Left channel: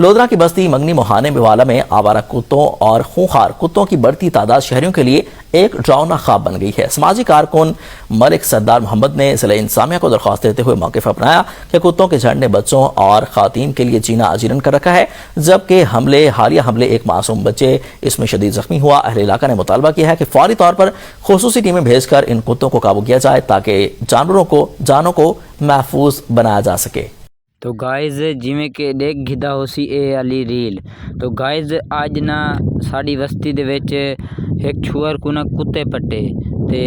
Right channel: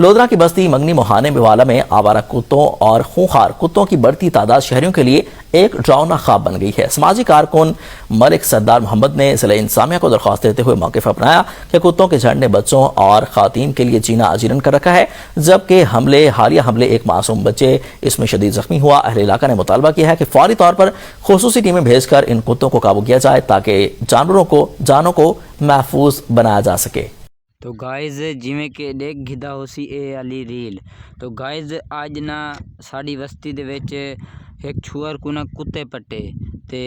लोधरा की बस्ती मंगनी मोहाने मेवाला में आवारा कुत्तों और खूंखार कुत्तों की बढ़ती तादाद शहरियों के लिए एक डरावना ख्वाब बन गई है। समाजी कारकुन मलिक सरदार मोहम्मद ने जिला इंतजामिया को दरख्वास्त देते हुए मौके पर अपनाया कि कुत्तों के झंड ने बच्चों और खातन के लिए जीना अजीरन कर रखा है, जबकि हालिया हमले एक मासूम बच्चे इसमें शदीद जख्मी हुआ। अहले इलाका ने मुतालबा किया है कि फौरी तौर पर खुसूसी टीमें भेजकर इन कुत्तों को काबू किया जाए ताकि जानों को महफूज बनाया जा सके। तो गाइज़ जिमें कि देख घिदा होसी ए वाली रील। तो गाइज़ आज ना साड़ी बस्ती दे विच एक छुअर को ना कुत्ते पट्टे ते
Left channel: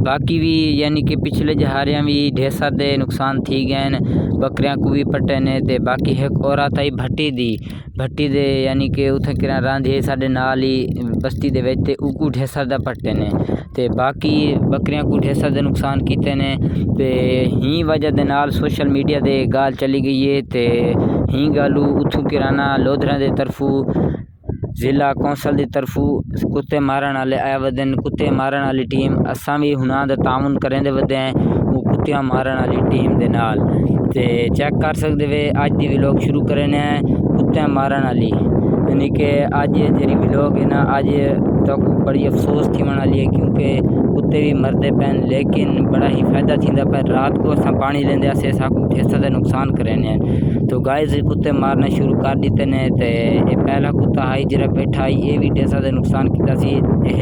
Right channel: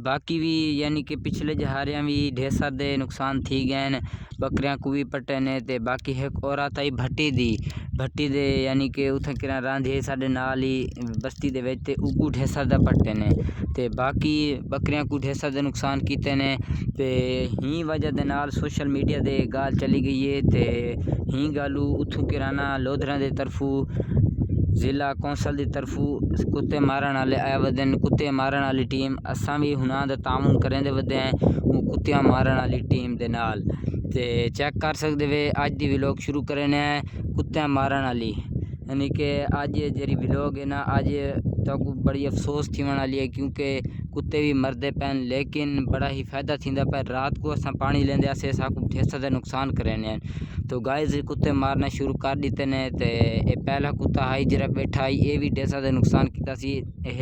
बाकी भी यानी कि पिछले जहारियां भी ढेर सारे नुकसान थी गए न, बकरियां को भी पट्टे ने ते बाकी एक औरत आई भट्टी दे यानी कि उत्थे किरा रांधे साडे नाल ही बस्ती दे विच ते उकू ढेर सारे पट्टे ने ते बाकी बकरियां को ढेर सारे नुकसान कीते ने ते ही वजह दे नाल सोशल मीडिया दे गाल चली गई है ते ही गालू उथू किराना लोधरा दे तरफू जिला कौंसल की तरफू कुत्ते मारन वाले आया वदन। कुत्ते मारन वाली टीम असां भी हुनां दा ताउन करेंदे वदे हैं वो कुत्तियां मारन वाली टीम दे नाल ते चेक कर सकते वे अज दी व्लॉग शुरू करने कुत्तियां मारन वाली यानी कि अज जी व्लॉग है ना अज तक बड़ी अफसोस थी वाली है क्योंकि कुत्ते भी मरते पैन लेकिन बड़ा ही फायदा थींदा पर रात को असां पानी लेंदे असे साकू ढेर सारा नुकसान करें। तो गाइस कुत्ते मारना शुरू कर दिते ने ते ये पहला कुत्ता आई जरा बैठा आई ये भी ढेर सारा नुकसान किया सी,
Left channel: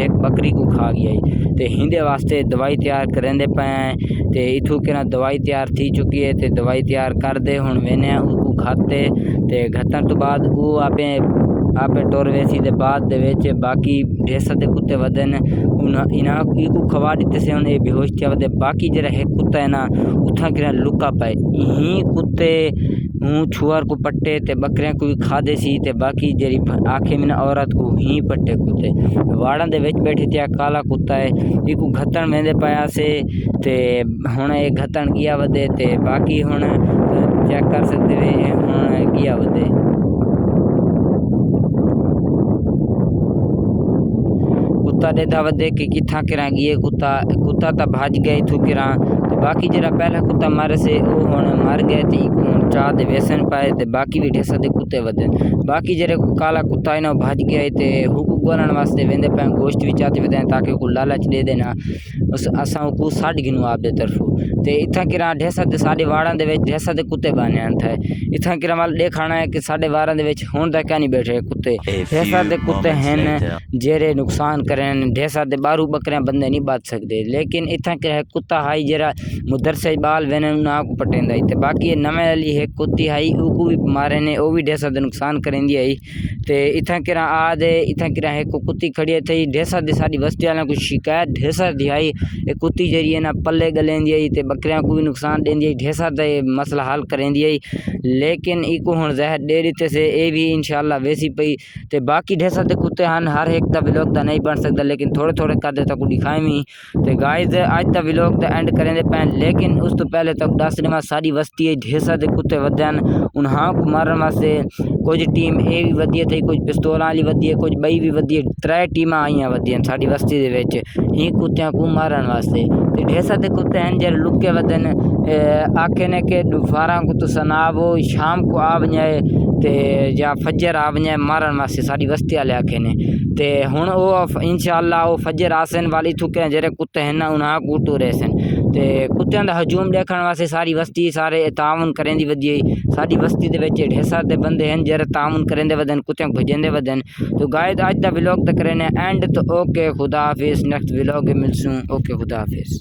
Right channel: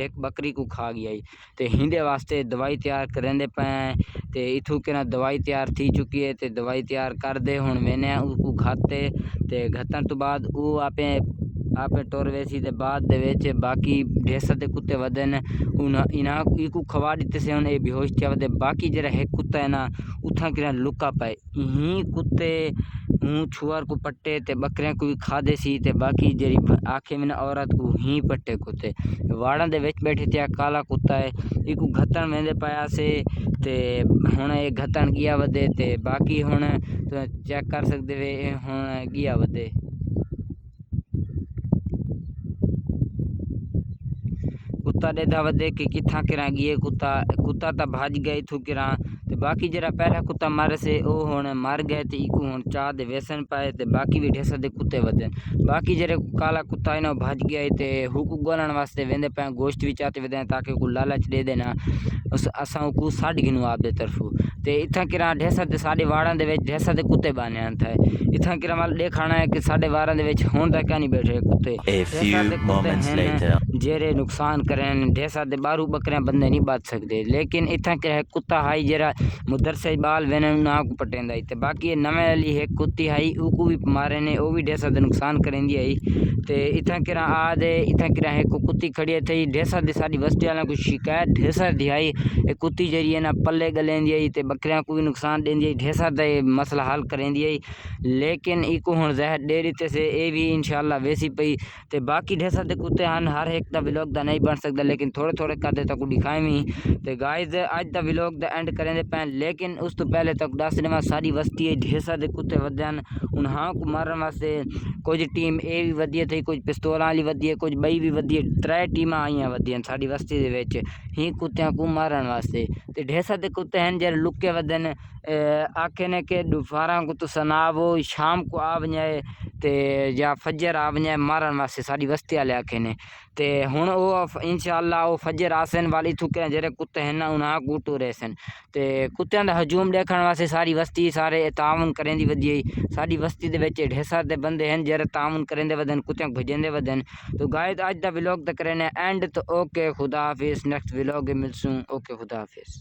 एक बकरी को खा गया ते हिंदे वास्ते दवाई तैयार करेंदे पे ते इथू के ना दवाई तैयार थी चुकी है ते दवाई तैयार कर दे हुण वेने उसको खाते ते घटन तो बाद वो आपे टोर वेसी दे बाद दे विच बाकी ढेर सारे कुत्ते वदन इना इको खवा दिते से हुण ये बेहोश थिया वदे। बाकी जरा एक कुत्ता है ना उठा के लुका पाए ही कुत्ते छुआर को पट्टे ते बकरियां को भी खा दे सी ते बाकी जरी आखे में औरत को ही पट्टे कुत्ते वाड़ा दे विच बैठे थिया काला कुत्ता है इको घतन वेंदे पाया से ते हुण ये घतन किया वदे ते बाकी हुण चेक कर सकते वे हुण किया वदे। कुत्ता देदा वदे कि किथा किरा गए कुत्ता तो भाज गए इथू किरा तो बाकी जरा पहला कुत्ता मारे से वो हुण मर गए ते इको चाह दे वेसन पाए ते बाकी भी ढेर सारे कुत्ते वदन। बाकी जरे काला कुत्ता है ना भाज गया ते हुकू गोलन वास्ते वेंदे पे गोश्त भी चाहते वेंदे ताकि को लालच दे देना असां को साड़ गिनो आप दे तरफों ते इथा किरा ढेर सारे साडे वाड़ां दे विच ढेर सारे कुत्ते बाने थे इथा किरा वाल देखाना है कि साडे वाड़ां दे विच हुण दा क्या नहीं बैठे कुत्ते ढेर सारे कुत्ते हैं जेरे नुकसान करें ढेर सारे बारू बकरियां बंदे नहीं बच सकते लेकिन इथा किरा कुत्ता हाई जरा मुदरसे बाल वेने ना को पटेंदा ते बाकी नवे वाली है कुत्ती हाई उको भी मारे ने वो भी ढेर सारे नुकसान करेंदी आई ते इथा किरा आदे इथा किरा है को कुत्ती खड़ी थी ढेर सारी साडी बस्ती वाला कुछ शिकायत ढेर सारी आई ये कुत्ती जरी है ना पल्ले गलेंदी आई ते बकरियां को भी नुकसान देंदी आई ढेर सारा मसला हल करेंदी आई लेकिन इको हुण जहर दे दिते से ये भी इंशाल्लाह वैसी पई ते बाकी ढेर सारे कुत्ते हैं हर एक दा व्लॉग दा नहीं बन सकता लेकिन थोड़े थोड़े कर देता को दिखाए मी ते गाइस आज दा व्लॉग दा एंड करेंदे पैन लेकिन उस तो पहले तक दस दिन सारी बस्ती है ढेर सारे कुत्ते वदन उन्हां को मारन वास्ते कुछ टीम ए भी वधी थी कुछ पिस्तौल वाली वधी है कुछ बई भी वधी है 3 टीमां आईयां वधी साडी बस्ती दे विच ही कुत्तियां को मारन वास्ते ते ढेर सारे कुत्ते हैं जरे लुके वदन आखे ने के दोपहर को तो सनावो शाम को आ वञे ते या फजर आ वञे मारन वास्ते साडी बस्ती वाले आखे ने ते हुण वो इंशाल्लाह वो फजर आसन वाली थुके जरे कुत्ते हैं ना उन्हां को टूरे सन ते कुत्तियां दा हजूम देखण वास्ते सारी बस्ती सारे ताउन करेंदी वधी साडी बस्ती दे विच ढेर सारे बंदे हैं जरे ताउन करेंदे वदन कुत्तियां भजेंदे वदन। तो गाइस आज दा व्लॉग दा करने एंड तो ओके खुदा हाफिज़ नेक्स्ट व्लॉग मिलसूं ओके खुदा हाफिज़।